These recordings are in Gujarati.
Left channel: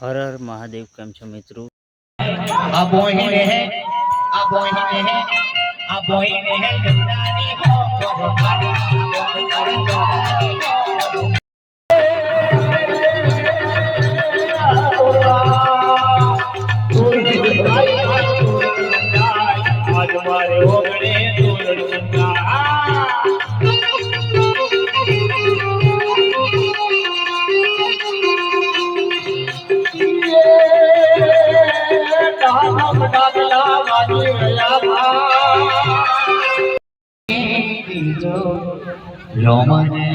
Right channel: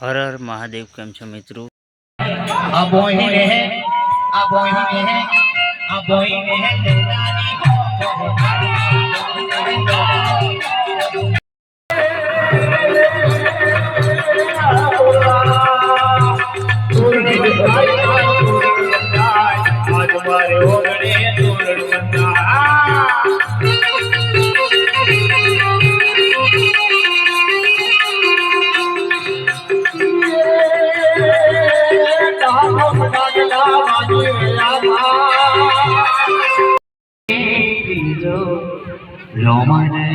હર હર મહાદેવ. કેમ છો મિત્રો? આ બોહીને હે આ બોહીને હે આ બોહીને હે ગંગાની હો આજ મારે ઓગણે તોરણ બંધા રોમને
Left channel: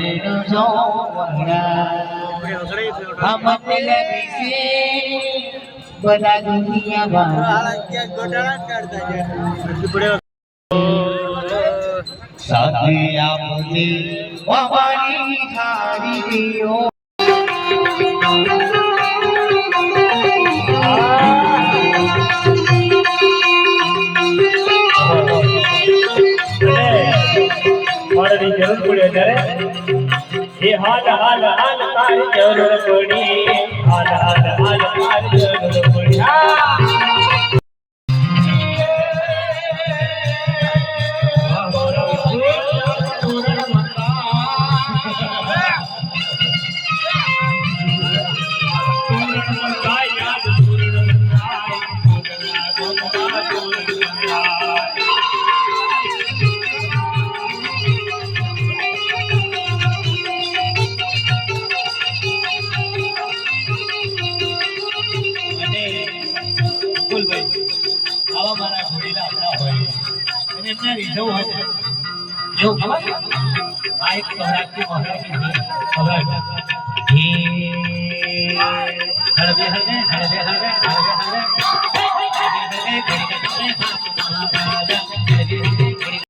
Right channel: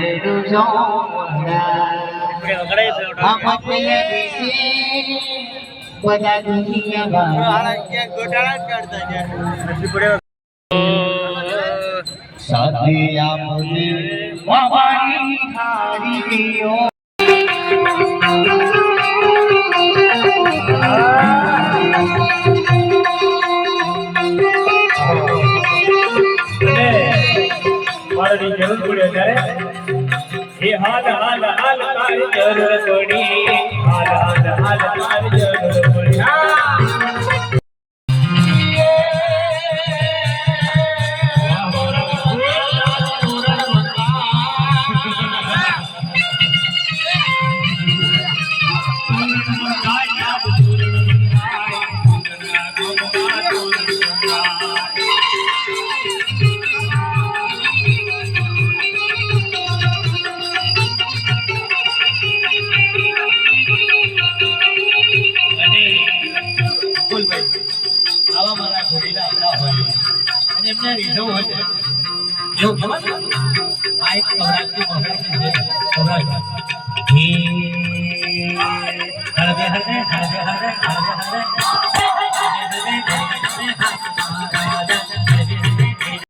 બધા દુનિયા સાથે આપને બાબાની હારી દિયો મારી જરૂર પડે ત્યારે એ હાલ હાલ હાલ તારી જરૂર પડી હાલ હાલ હાલ તારી જરૂર પડી આવા મારા ઘોડીલા આપણા હોય અને એમને રીઝવ હોય ને એવું ખબર આ એક સૌરાષ્ટ્રી મહારાજ સૌરાષ્ટ્ર હળવે હળવે હળવે હળવે